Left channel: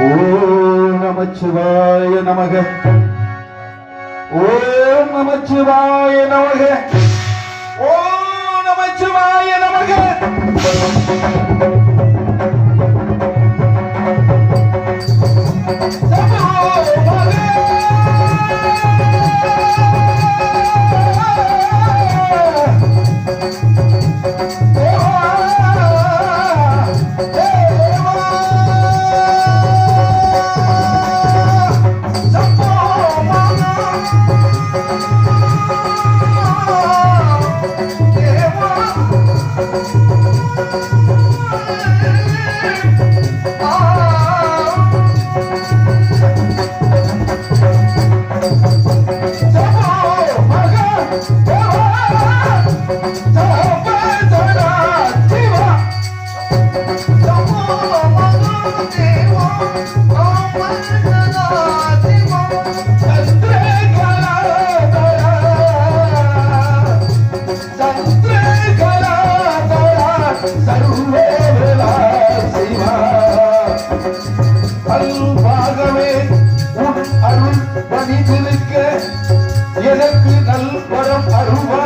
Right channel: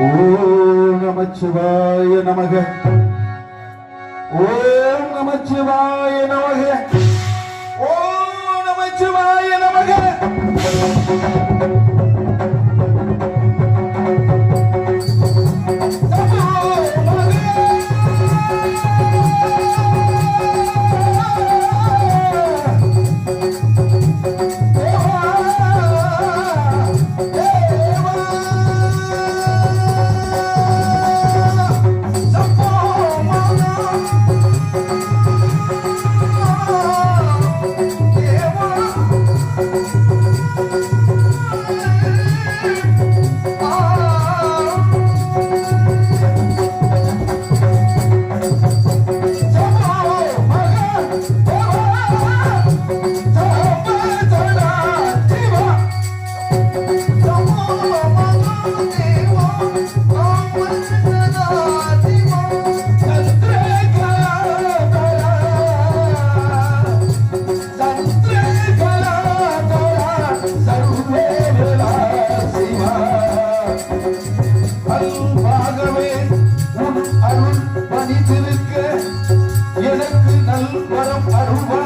ஓம் நமச்சிவாய நமக. ஓம் நமச்சிவாய நமக. ஓம் நமச்சிவாய நமக. எனக்கு நல் வரம் அருள்வா.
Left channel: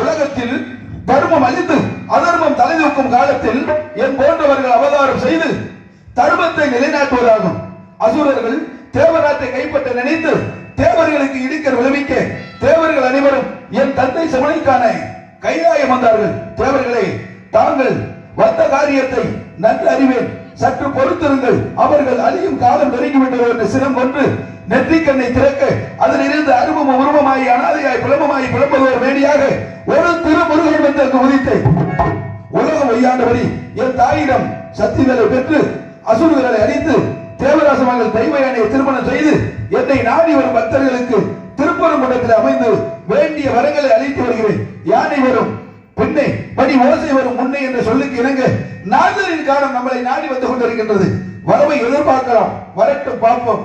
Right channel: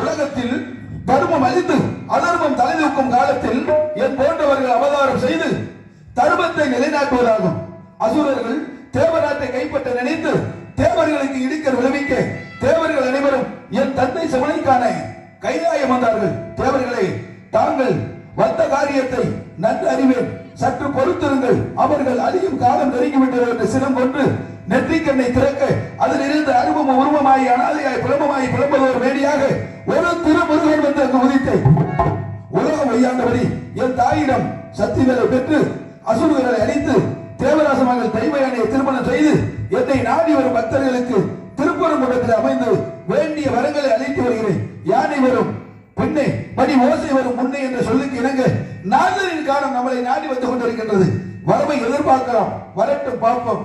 உலகத்தில் தர்மம் அழிந்து அதர்மம் தலைதூக்கும் காலத்தில் என் போன்றவர்கள் அவதாரம் செய்து தர்மத்தை நிலைநாட்டுவதாகும். அசுரர்கள் தேவராத்தை கைப்பற்ற நினைத்து தேவர்களுக்கு இடிக்க விளைவிக்க தேவர்கள் அனைவரும் என் தந்தை சிவனைக்கான கைலாயம் வந்தார்கள். தேவர்களே, தாங்கள் வந்த காரியத்தை நன்கு அறிவேன், சற்று பொறுத்திருங்கள். அவர்கள் அழியும் காலம் நெருங்கிவிட்டது என்று சினம் கொண்டு நெற்றிக்கண்ணை திறக்க அதிலிருந்து அருவம் உருவமாய் அனாதையாய் பிளம்பமாய் பிளம்புவதோர் வேடியாக ஒரு திருமுருகன் வந்து அங்கு உதித்தேன். உலகம் வையாண்டபடி என் தாயிடம் சக்திகளை பெற்று அசுரர்களை அழித்து தேவராச மகள் தெய்வயானையை திருமணம் செய்து என்னை நாடி வரும் பக்தர்களுக்கு திருப்பரங்குன்றத்தில் அமைந்து வேண்டிய வரங்களை அளித்து வருகிறேன். யானை வரும் பின்னே படி ஓசை வரும் முன்னே என்ற சொல்லுக்கு இணங்க நாதரின் காலம் நம்மளை நாடி வந்து கொண்டிருக்கின்றது. வரவை எதிர்பார்க்கலாம், வரட்டும் பார்ப்போம்.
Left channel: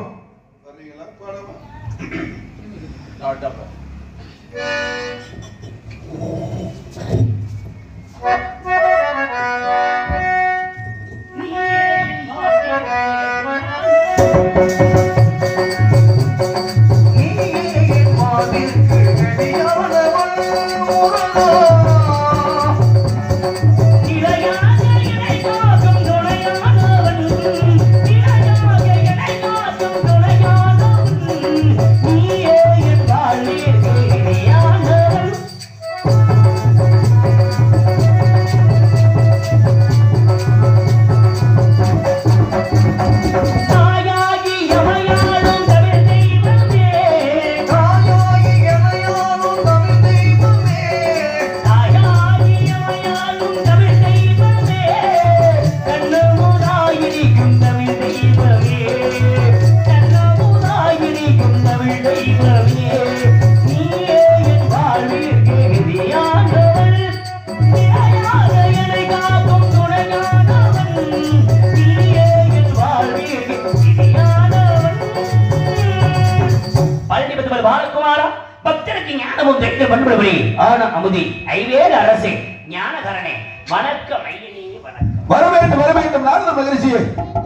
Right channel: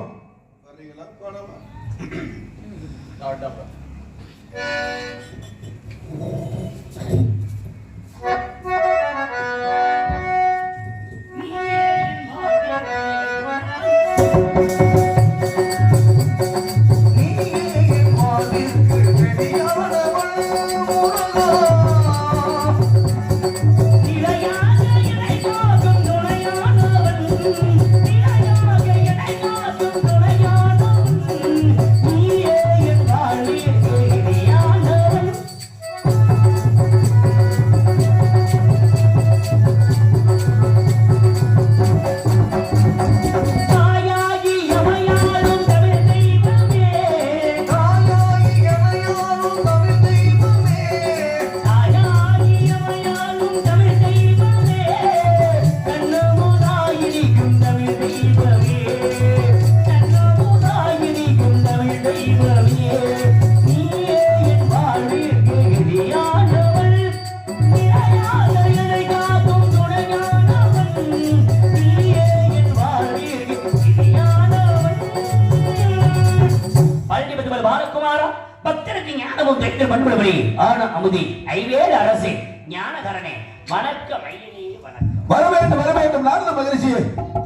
வரவேண்டும் நாரத மகரிஷியே.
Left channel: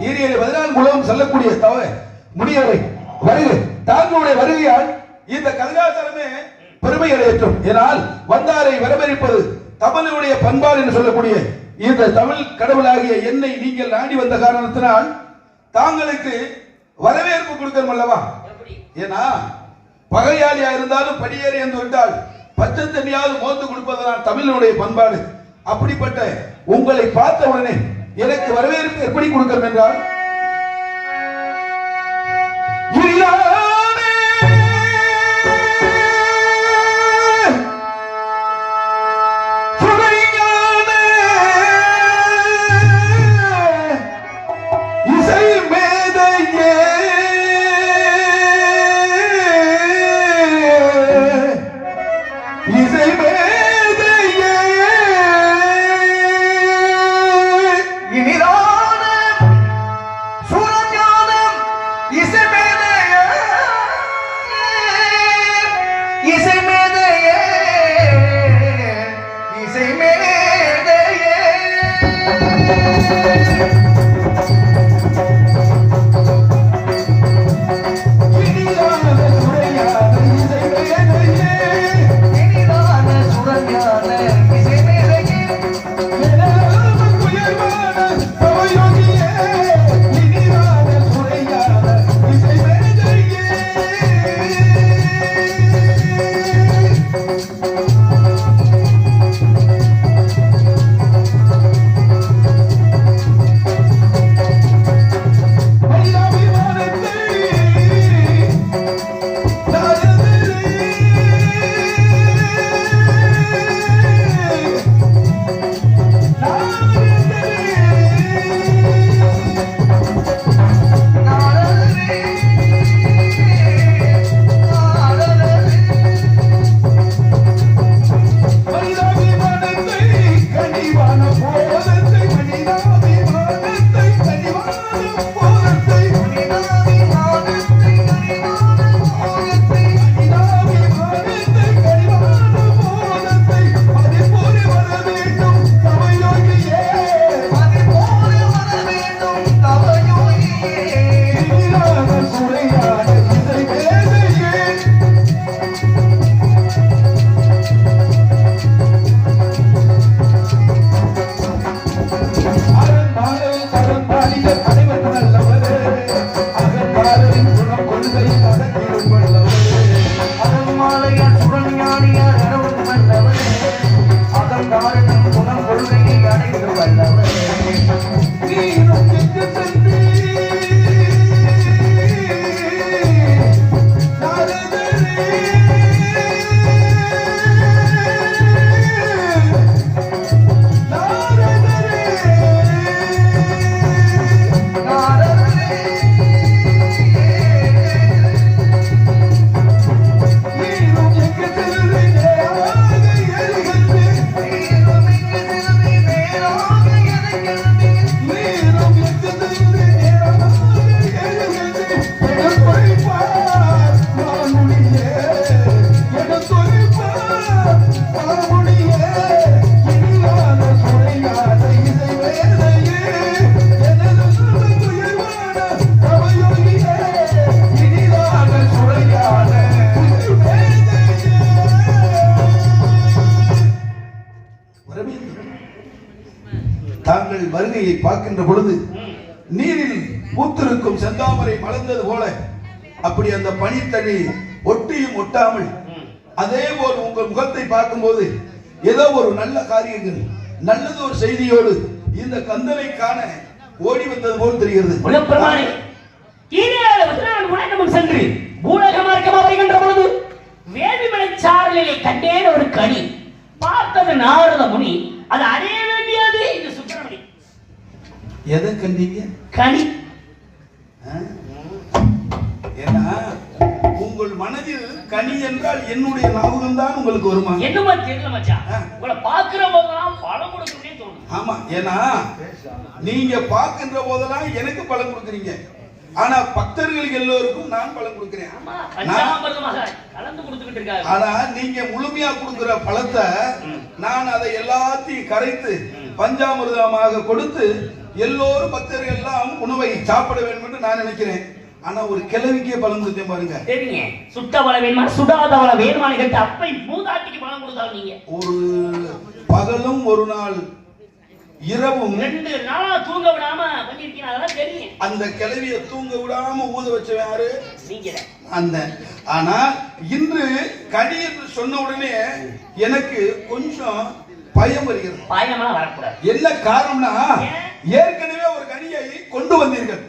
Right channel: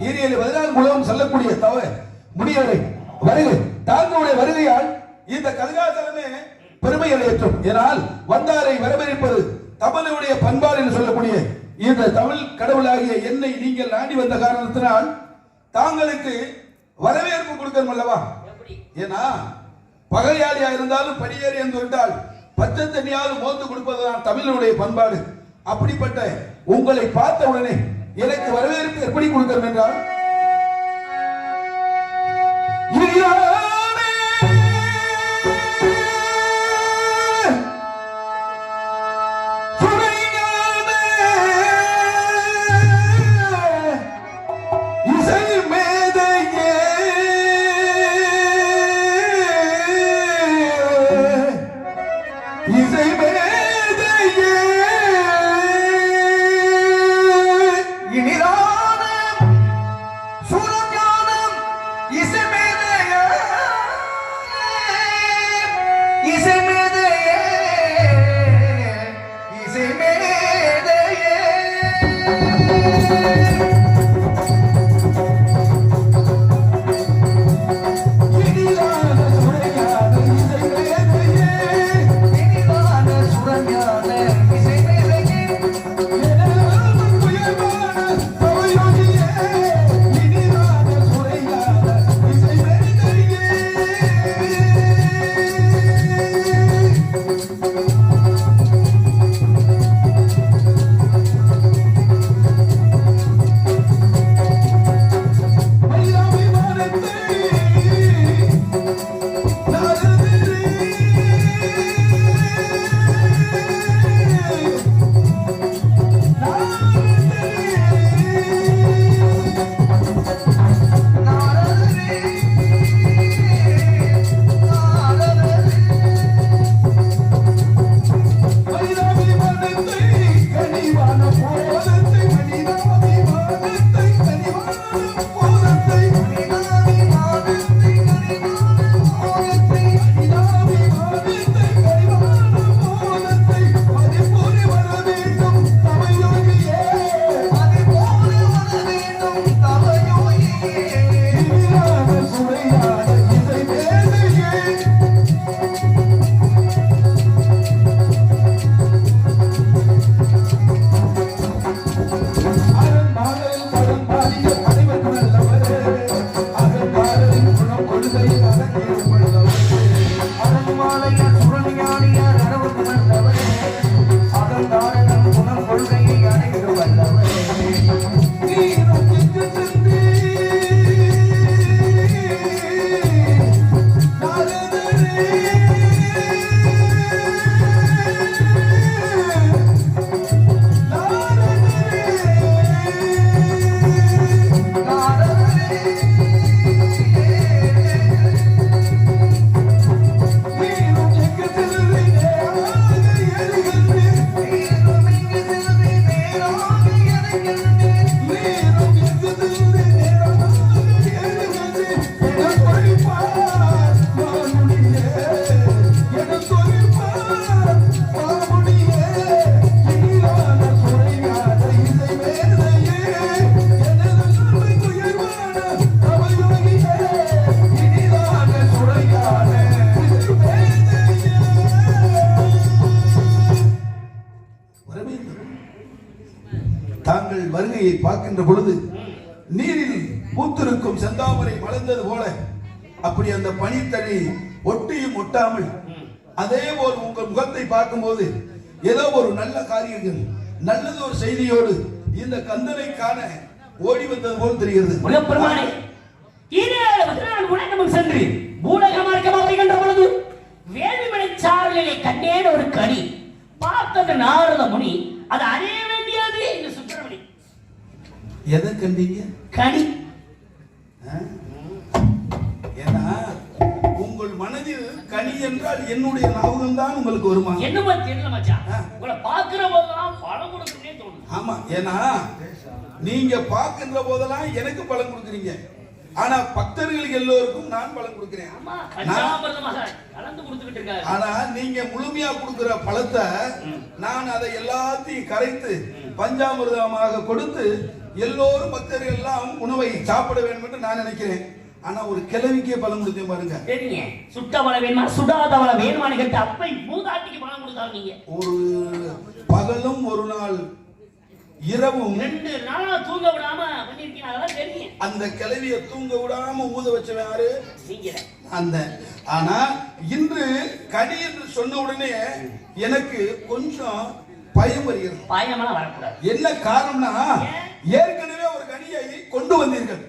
ஈரியலை 14 குலம் செல்லக்கூடிய முடியவரை வருகை தாங்களுடைய வருகையால் இந்த கல்காசலமே பெருமை அடையட்டும். ஏனால் வந்தாரை வரவேற்பது தமிழுடைய பண்பாடு என்று சொல்லக்கூடிய இந்த தமிழ் கடவுளாகிய என்னை நீங்கள் நாடி வந்த காரணத்தினால் தாங்களுக்கு வரவேற்பு கொடுக்கணும் அல்லவா? ஏன்னா பகையாளியா இருந்தாலும் படியேறி என்று விட்டால் பச்சை தண்ணியாவது மோந்து கொடுப்பதுதான் தமிழனுடைய பண்பாடு. அப்படிப்பட்ட உங்களை பார்த்த உடனே எனக்கு வரவேற்பு எப்படி கொடுக்கணும் என்றால் நீரில் பூத்திருக்கும் செந்தாமரை மலர்ந்தது போல அப்படி அந்த பனித்தண்ணி ஒட்டியும் ஒட்டாமல் அதே போல் உங்கள் முகத்தை பார்க்கும்போது ஏதோ ஒரு நல்ல காரியங்கள் நல்லது ஒரு செய்தியோடு இந்த கந்தனை காண ஓடி வந்தது போல் தெரிகிறது. சென்று பூலக மார்க்கமாக வருகின்ற பொழுது வேள்விமலை சாரலிலே கண்டேன் ஒரு கனி. பார்த்தது நாரத முனி, அது அடைய வேண்டியது இந்த சுப்பிரமணி. எதை கண்டீங்க? கனி. ஏன்னா உங்கள் மனதில் கனி என்றால் என்னுடைய ஞாபகம் தான் உங்களுக்கு வருமா? என்னமா தெரியல மச்சான், உங்களை பார்க்கிற போதெல்லாம் பழம் கொடுக்கணும்னே தோணும். ஆமா, ஏன்னா நீங்க பார்க்கின்ற போதெல்லாம் எனக்கு பழம் கொடுக்குறீங்க, ஆனா பக்தர்களுக்கு எல்லோருக்கும் நான் பழம் கொடுக்கிறேன். ஆனா நீங்க முழுமையா கொடுக்கிற பழத்தை நான் அதை எல்லாத்தையும் கரைத்து பஞ்சாமிர்தமாக கொடுத்து எல்லோரும் பக்தர்கள் எல்லாம் உணவை சாப்பிட வேண்டும் என்று நான் நினைக்கிறேன். ஆனா ஒரு கிழவிக்கே பழம் கொடுத்தேன் பாருங்க. சரிங்க, சுட்ட பழம் வேணுமா சுடாத பழம் வேணுமான்னு கேட்டு அப்பை மூதாட்டிக்கு பழம் கொடுத்தாங்க. நீங்க ஒரு பகலும் ஒரு நாள் இரவும் 2 நாளா தூங்க விடாம பண்ணிருக்கீங்க, அதெல்லாம் தெரியும். அந்த கிழவிய தூங்க விடாம ஊத வச்சவன் யாரு? நீங்க. அந்த ஆனா இன்று கனி என்று சொன்ன உடனே எனக்கு கொஞ்சம் பயம் வருகிறது. பயமெல்லாம் வரக்கூடாது. என்ன காரணம்னா ஏற்கனவே ஒரு கனியை கொண்டு வந்தீர்கள்.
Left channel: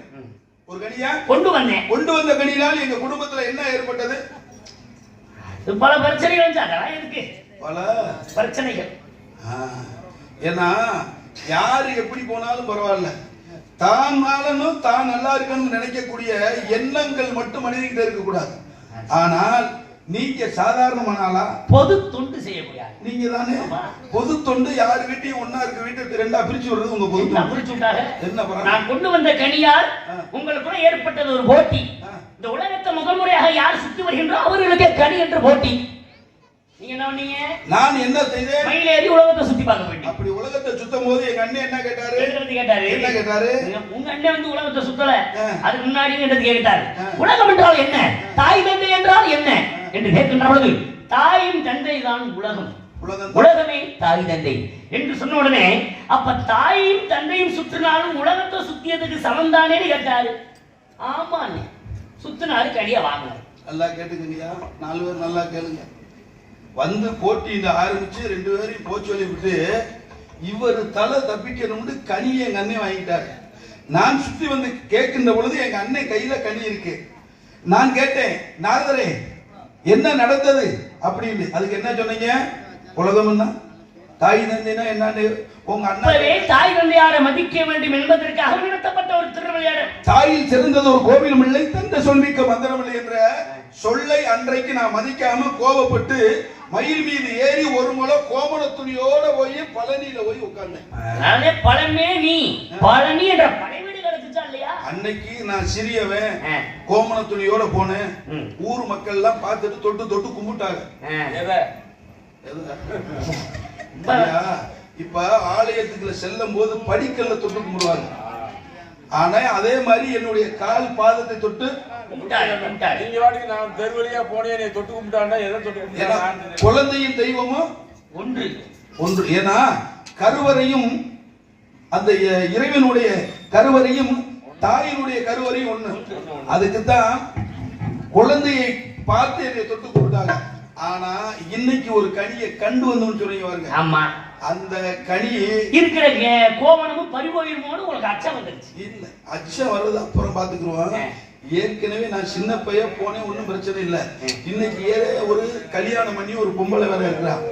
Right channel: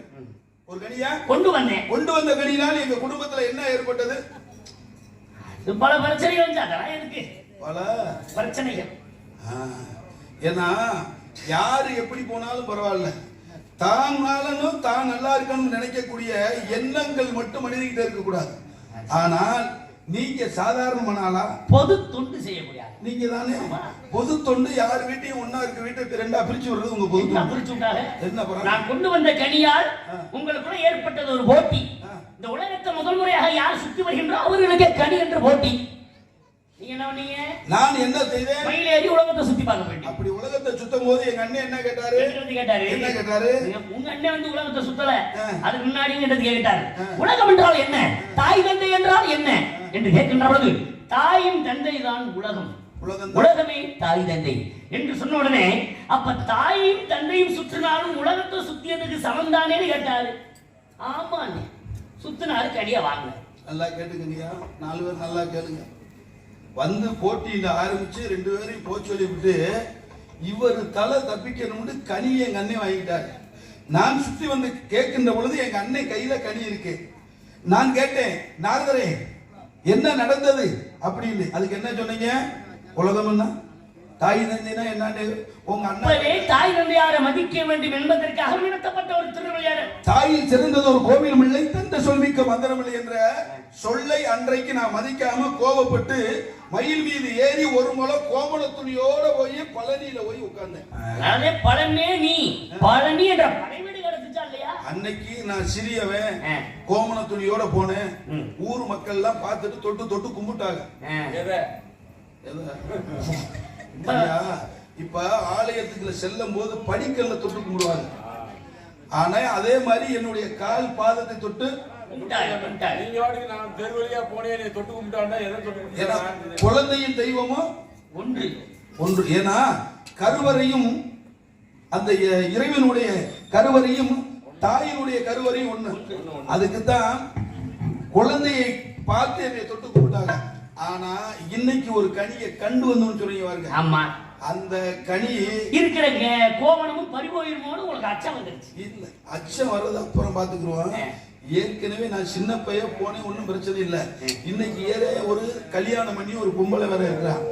ஒரு கனியா கொண்டு வந்தேன். கொண்டு வந்த கனியினால் எங்க குடும்பத்துல என்ன ஏற்பட்டது? பல பிரச்சனைகள் வந்து அதெல்லாம் இருக்கு, பல பிரச்சனைகள். ஏன்னா யாரு எப்படி போனாலும் பரவாயில்ல, தான் நாளனும் தான் நல்லா இருக்கணும்னு நினைக்கக்கூடிய எண்ணங்கள் மட்டும் மனிதகிட்ட இருக்க கூடாது. ஆனால் நீங்க சாதாரணமானாலா பொது தொண்டு செய்யக்கூடிய நீங்க தானே பொது தொண்டு. யார் வீட்டையும் ஒன்னா இருக்க வீட்டை 2ஆ பிரிச்சு விடுறது உங்க பொது தொண்டு. பிரிச்சு விட்டாங்க. என்ன பண்ண? நான் கொண்டு வந்த கனியால் உங்களுக்கு ஏற்பட்டது ஒரு போட்டி. இந்த உலகத்தை முதல் முறையாக யார் சுத்தி வருகின்றோ அவர்களுக்கு கனி என்று போட்டி. நீங்க என்ன பண்ணீங்க? நான் என்ன செய்தேன்? மயிலேறி உலகத்தை சுத்தி பார்க்க போயிட்டேன். அப்படி உலகத்தை சுத்தும் போது எங்க அண்ணன் என்ன கேட்டாரு? என்ன கேட்டாரு? உங்க அண்ணன் வந்து உலகத்தை சுத்தல, அதுக்கு முன்னாடி என்ன கேட்டாரு? உலகம் என்றால் என்ன, தாய் தந்தை என்றால் என்ன என்று கேட்கின்ற பொழுது தாயும் தந்தை தான் உலகம், உலகமே தாய் தந்தை என்று சொன்ன உடனே அப்ப தாயும் தந்தையும் சுற்றினாலும் உலகத்தை சுத்தியதுக்கு சமந்தானே கேட்டாரு. ஆமா, சுத்தினாரு கடியா வாங்க. நல்லா கேட்டுக்கங்கயா, 4 பேர் நல்லா கேளுங்க. வந்து போட்டி ஆரம்பிச்சு 2 பேரையும் போக சொல்லி விட்டு இவர் தலை தப்பிக்கணும்னு கனியை எங்க அண்ணன் வாங்கிட்டாரு. நான் சுத்தி வந்து கேட்கின்ற பொழுது எங்க அண்ணன் கையில கனி இருக்கு. நான் கேட்டேன், நாரதரே என்ன நடந்தது அப்படின்னு. அதுக்கு என்ன சொன்னீங்க? உலகம் தாய் தந்தைனா என்னன்னு உங்க அண்ணன் தாய் தந்தையாரை மதிக்க வேண்டும் என்பதற்காக நடத்தப்பட்ட ஒரு திருவிளையாடல். தாயில் சிறந்தது ஒரு கோவில் இல்லை, தந்தை சொல்விக்க மந்திரமில்லை என்ற சொல்லை அன்றைக்கு நான் மதிக்காம கோபப்பட்டு மயில் மீது ஏறி ஒரு முறை கோமண துணியோட போய் பழனியில போய் உட்கார்ந்தேன். பழனி என்ற படைவீடு கிடைச்சா இல்லையா? அன்னைக்கு நான் சிறியவன் கோமண துணியோட போனேன். ஊர் மக்கள் எல்லாம் பார்த்துட்டு தொட்டு தொட்டு கும்பிட்டாங்க. இப்ப ஆலயத்துக்குள்ள செல்லும் போது படிக்கல்ல தொட்டு கும்பிடுவாங்க. ஆனா அதே மாதிரி என்னுடைய கால் பாதத்தை தொட்டு குழந்தையும் தெய்வமும் ஒன்று. ஏன்னா கருவறையும் அந்த இறைவனுடைய கருவறையும் தாயினுடைய கருவறையும் ஒண்ணு. அதுக்குத்தான் குழந்தையை பார்த்து என்னை தொட்டு கும்பிட்டாங்க. ஆனா இன்னைக்கு ஒரு கனியை கண்டு வந்து சொல்லுவாங்க. ஆமா, அந்த கனி இருக்கிற கோவணமும் பறிபோயிருமோன்னு உங்களுக்கு அச்சம் வந்துருச்சு. இல்ல, அச்சம் வருது அப்புறம் பாத்துக்குருவோம். ஏற்கனவே நான் சின்ன பையன் போனேன், ஒன்னும் பிரச்சனை இல்ல. இன்னைக்கு ஒரு கல்யாணம் பண்ணி ஒரு பொம்பளை வேற இருக்கிறான்.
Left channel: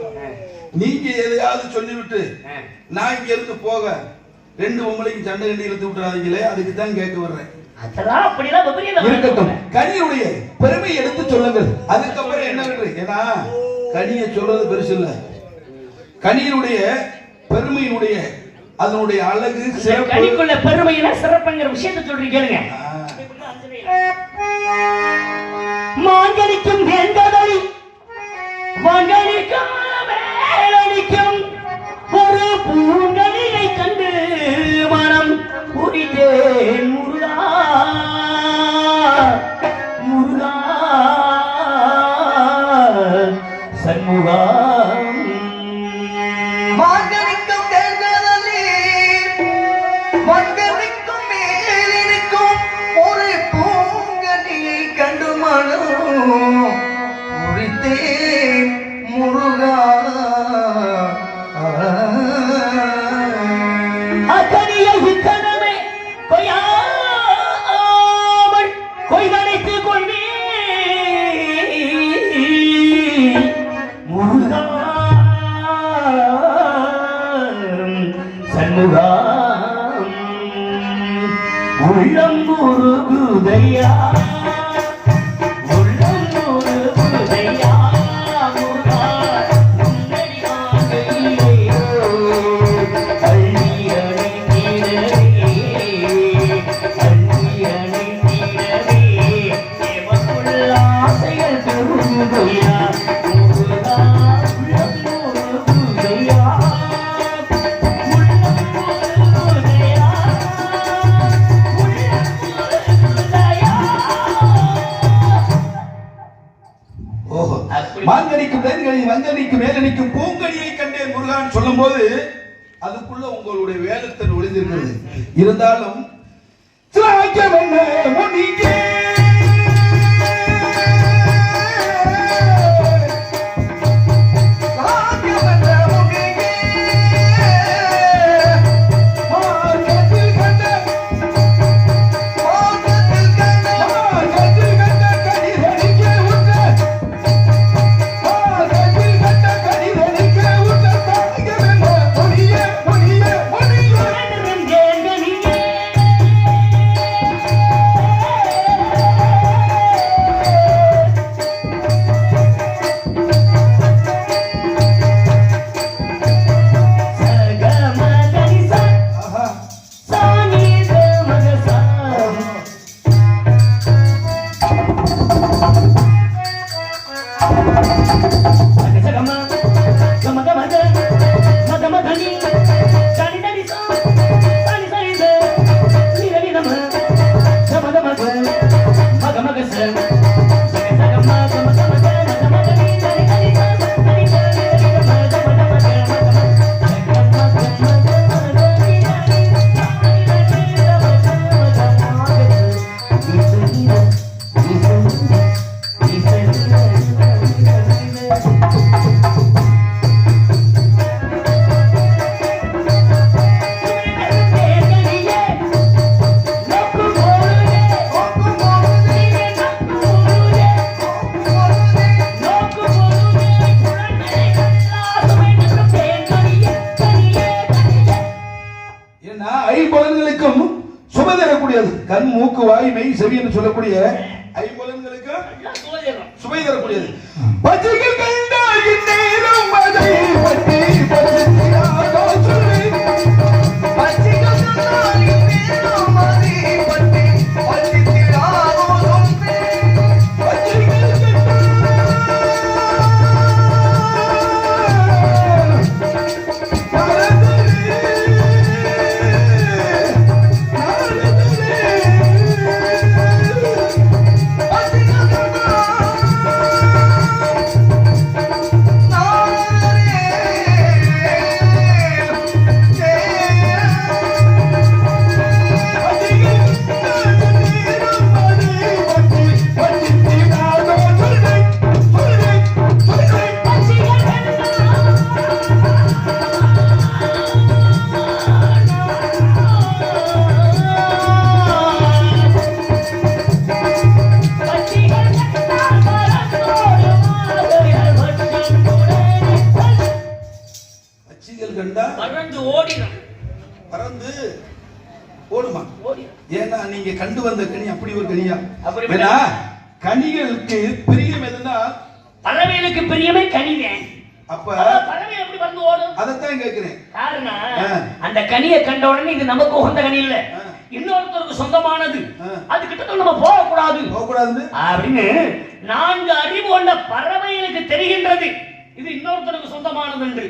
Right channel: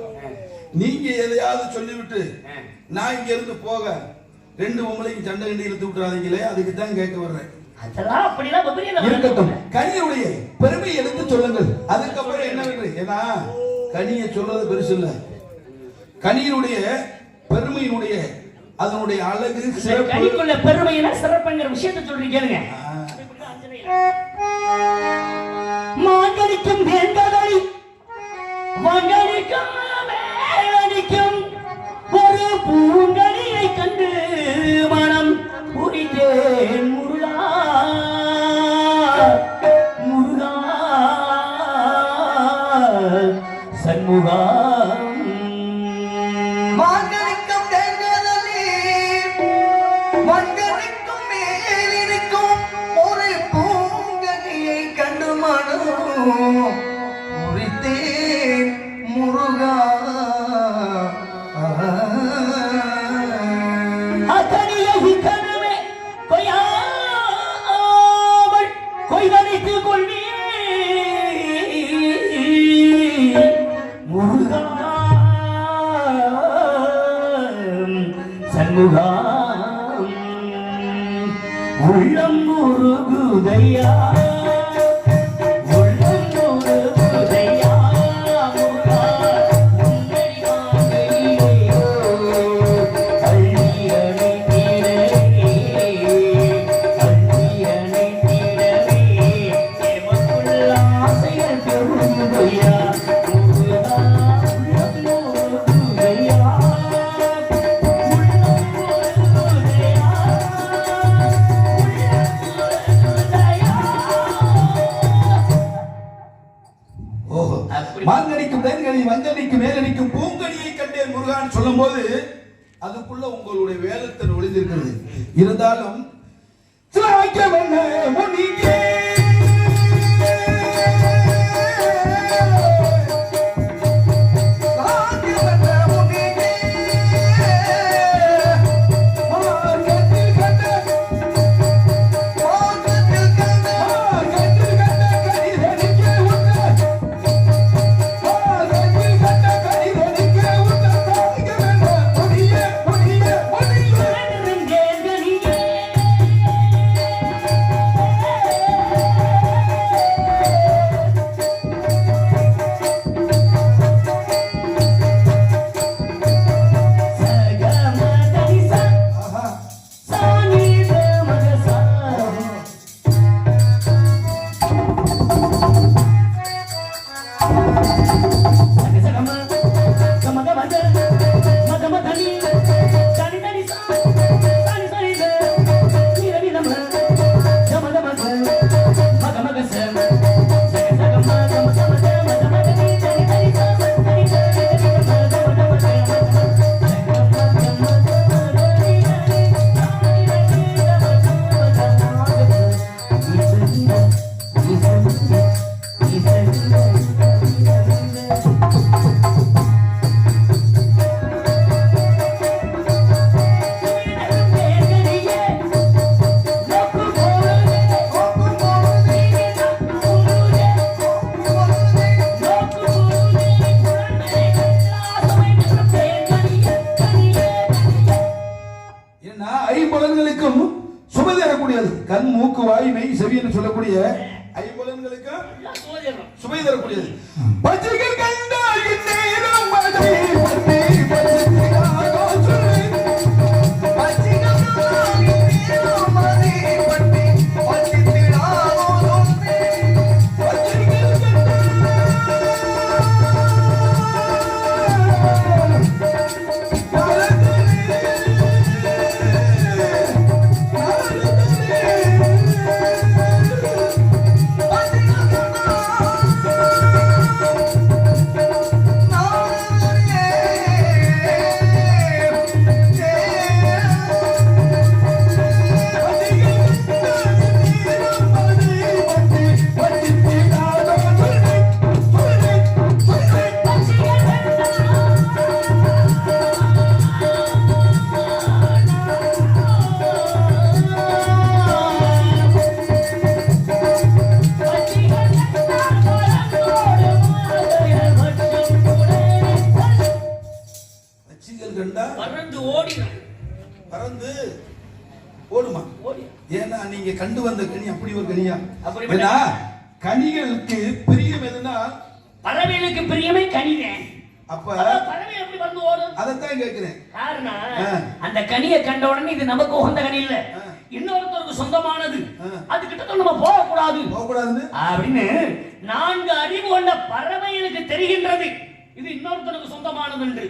நீங்க எதையாவது சொல்லிவிட்டு நான் இங்க இருந்து போக 2 பொம்பளைக்கு சண்டை கண்டி இழுத்து விட்டுறாதீங்களே, அதுக்கு தான் கேட்க வர்றேன். இருக்கட்டும், கனியுடைய பெருமை எடுத்து சொல்லுங்கள். அதுக்கப்புறம் என்ன வேண்டு? ஏன்னா கனியை சொல்றது பெருசு இல்ல, கனியினுடைய பெருமையினுடைய அதனுடைய அழகு சிறப்பு. கனிக்குள்ள பெருமையில சிறப்புங்கிற விஷயத்தை சொல்றீங்க கேளுங்க. மாங்கனிக்கும் வேங்கடலி மங்கனிக்கும் வேலனிக்கும் ஒரு பூங்கனியை கண்டு மனம் புரிந்தேன். முருகா முருகா சண்முகா. மாங்கனிக்கும் வேங்கடலி மங்கனிக்கும் சண்முகா உள்ளம் உருகுதையா உள்ளம் உருகுதையா முருகா உன்னடி காண்கையிலே அள்ளி அணைத்திடவே எமக்குள்ள ஆசைகள் பெருகுதையா முருகா உள்ளம் உருகுதையா ஓஹோ, மாங்கனிக்கும் தேன்கனி மங்கனிக்கும் மேலனிக்கும் பூங்கனியை கண்டேன் முருகான் சொல்லும் போது அதுக்குள்ள உங்களுடைய வேலத்தன் ஒளிந்திருக்கிறது. இருந்தாலும் ஐம்பலன்களுக்கும் சுப தரக்கூடியது. கண் மூக்கு வாய் மெய் செவி என்று சொல்லக்கூடிய ஐம்பலன்களுக்கு சுபை தரக்கூடியது. பச்சைகள் கண்டால் இந்நேரம் அதை பற்றி பசித்திடாதோ சொல்லு. பச்சைகள் கண்டால் இந்நேரம் அதை பற்றி பசித்திடாதோ சொல்லு. பச்சைகள் பறந்து ஓடுமா? ஏன்னா நீங்க கண்டு வந்த கனி அப்படி ஒரு கனியா? ஏன்னா கனிகளுக்கு பிரியம் எதுனா பறவைகளுக்கு பிரியமே கனிவேன். அப்ப பறவை எப்படி வந்து ஓடும்? அதத்தான் கேக்குறேன். காரணம் அந்த கனியை கண்ட உடனே இது நமக்கு உகந்த கனி இல்ல, இன்னொருத்தருக்கு சொந்தமானது, அது கிட்ட நம்ம போகக்கூடாது அப்படின்னு 4 அறிவு கொண்ட பறவைகளுக்கு தெரிகின்றது இது இன்னொருத்தருக்கு சொந்தமானது என்று.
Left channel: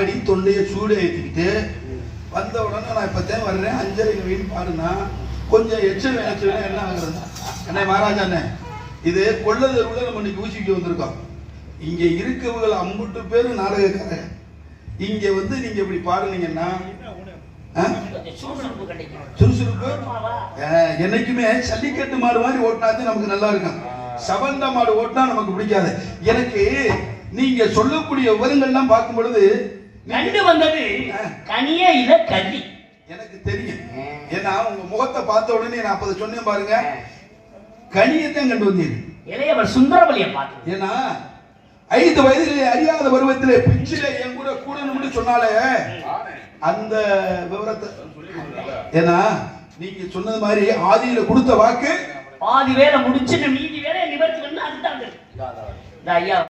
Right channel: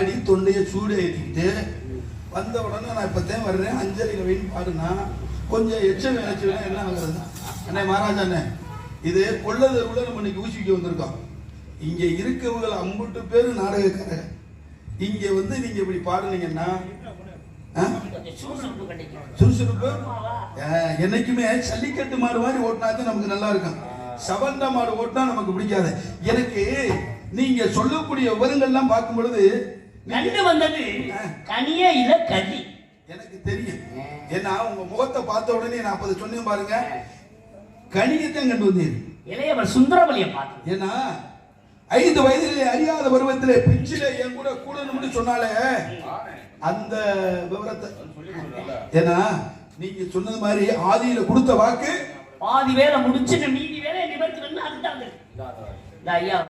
பாடி தொண்டையை சூடு ஏற்றிக்கிட்டு வந்த உடனே நான் இப்போத்தான் வர்றேன் 5:30 வெயின் பாருன்னா கொஞ்சம் எச்சம் என்ன ஆகுறது அண்ணே மகாராஜா அண்ணே இது கொள்ளதருவில் நம்ம இன்னைக்கு ஊசிக்கிட்டு வந்திருக்கோம். இங்க இருக்கவங்க 50 பேர் நாடகக்காரங்க. இங்க வந்து நீங்க இப்படி பாருனீங்கன்னா சுறுசுறுப்பு என்னைக்குமே சல்லிக்கட்டு மாடு மாதிரி ஓட்டினாதான் நமக்கு நல்லா இருக்கும். சவண்ட மாடு ஓட்டினா நமக்கு பிடிக்காது. எனக்கு நீங்க சொல்லக்கூடிய விவரங்கள்லாம் பார்க்கும் பொழுது கண்டு வந்தது கனிய இல கல்வி எனக்கு தெரியும். ஏன்னா உங்க முகத்தை பார்த்த உடனே நான் அப்ப சொன்னேன் பாருங்க, கனியத்தான் கண்டு வந்தீங்க. இளையவர் சுந்தரவலியை பார்த்து ஏன்னா 5 வயதிலே அறியாத பருவத்திலே பிஞ்சிலே என் கூட கூடணும்னு சொன்னாலே அந்த விவரத்தை, ஏன்னா நீங்க சொன்னது மாதிரி ஆதியில கொடுத்த வாக்கு பாதி வேலை முடிச்சு மீதி வேலை நிவர்த்தி பண்ண அதுதான் ஐயா